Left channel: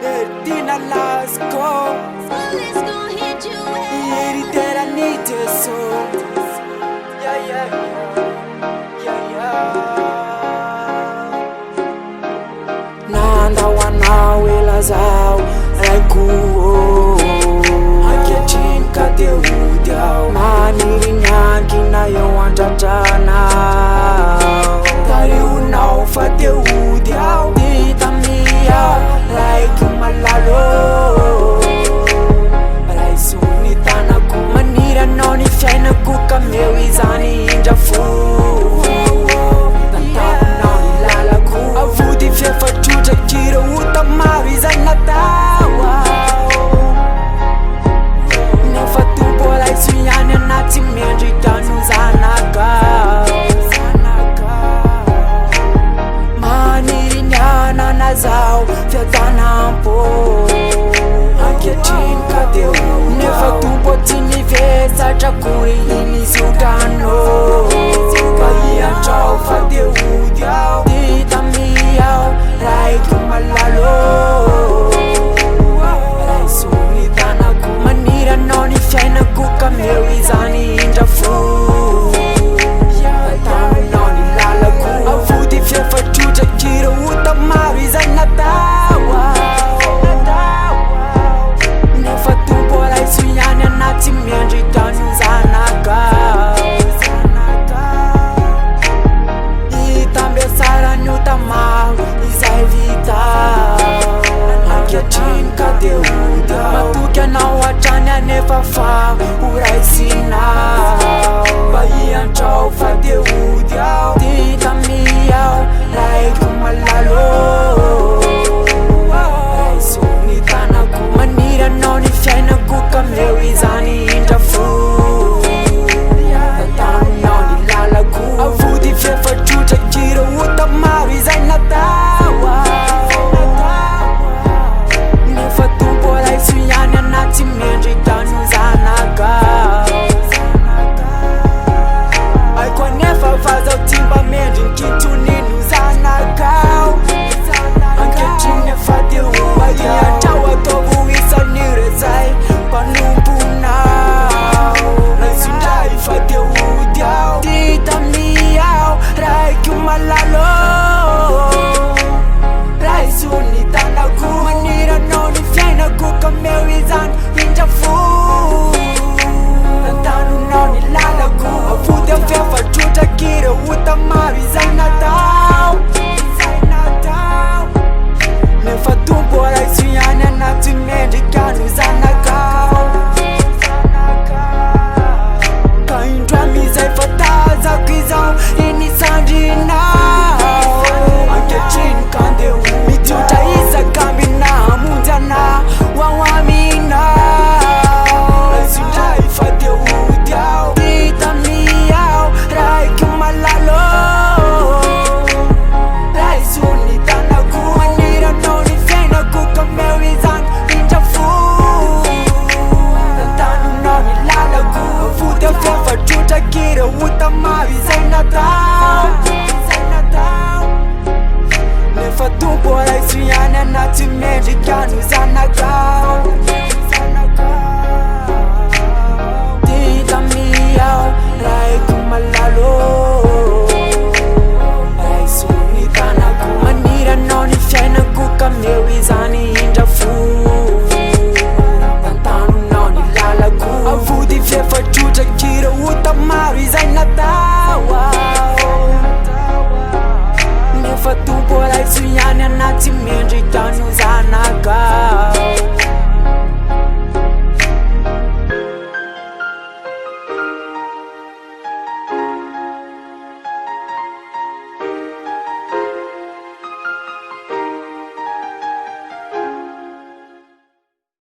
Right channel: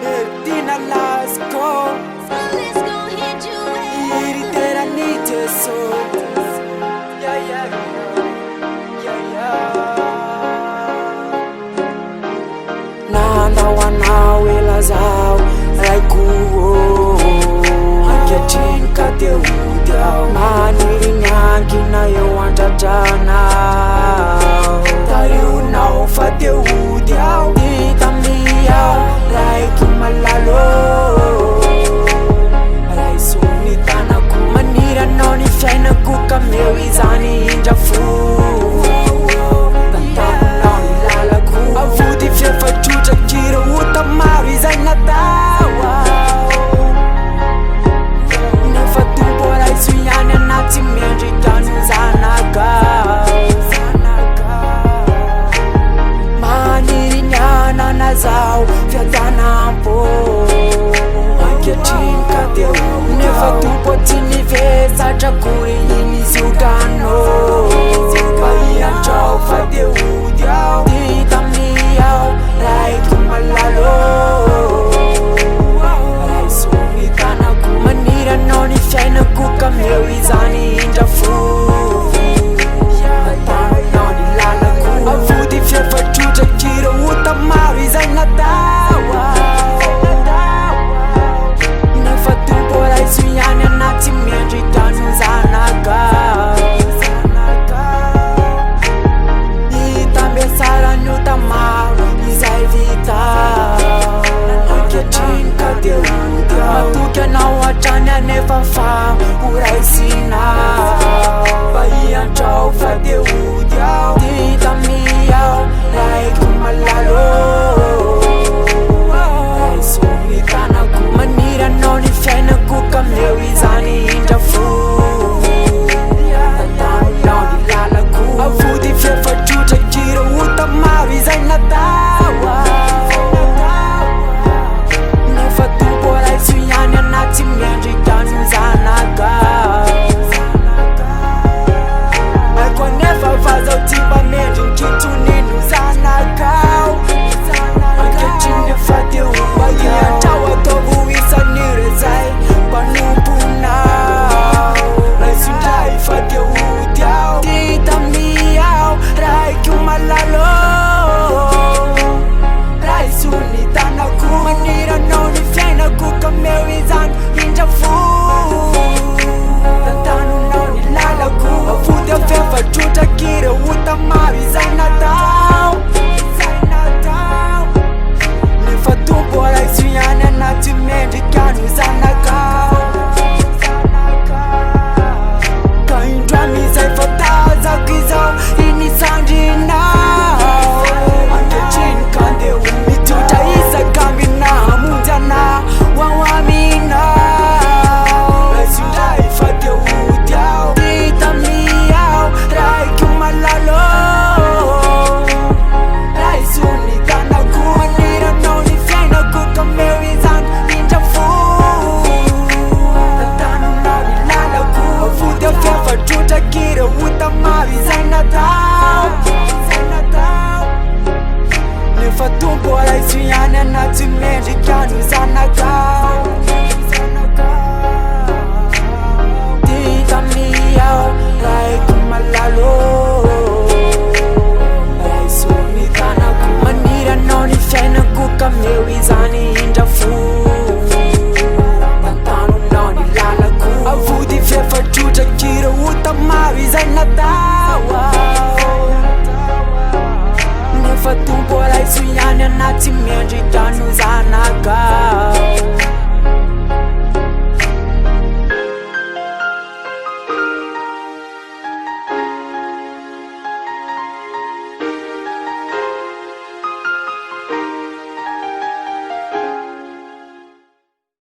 Tina LASCØ. Let's go hit you Iritera nite so. Yeah. Nandawana wela zao raikuo Angetin kate udiao Maniri nyanki na yo antatana Tari unao fate udiao Tita miyao raiku malalo Malai sunitana ku Manira noni fiaina kuka meu izani injafu Avudi fiefa chucha kira uta maro izay natawa Nefa tumbola iso ihany anaty mendrika no zanakao Maniry ny anana zao fiadanam-po Ankehitriny ka dia nefa tompo tsy nivesatra kory iny ziogano Iantrao fa dia ody ao Tita miao raiko malalo Raisomitanako Maniry anao ny fiainako ka meu izany indrafo Avudi fiefa chucha kira uta maro izay natawa Nefa tumbola iso ihany anaty mendrika no zanakao Itambesara ny uta maro izay vitao Ankehitriny ka dia matoky anao hatrany anefa fa uraisinao Iantrao fa dia ody ao Tita miao raiku malalo Raisomitanako Maniry anao ny fiainako ka meu izany indrafo Avudi fiefa chucha kira uta maro izay natawa Nefa tumbola iso ihany anaty mendrika no zanakao Aiko anefa vazao timba mendry ny kintony no zanakao Ankehitriny nefa dia mba iantrao ataovo isan'ire zay mpanomponao Raisindray fa dia ody ao Tita miao raiky malalo Raisonitanako Maniry anao ny fiainako ka meu izany indrafo Nantanonao ny lalako Avody afefa trotra kira uta maro izay natao Nefa tumbola iso ihany anaty mendrika no zanakao Ka indramy izay fatazako izao inisandrinao Ankehitriny ka dia mitiotra isakamby na hamonjy ana ho ao aminao Raisindray fa dia ody ao Tita miao raiky malalo Raisonitanako Maniry anao ny fiainako ka meu izany indrafo Avody afefa trotra kira uta maro izay natao Nefa tumbola iso ihany anaty mendrika no zanakao Tita miao raiku malalo Raisonitanako Maniry anao ny fiainako ka meu izany indrafo Avudi fiefa chucha kira uta maro izay natawa Nefa tumbola iso ihany anaty mendrika no zanakao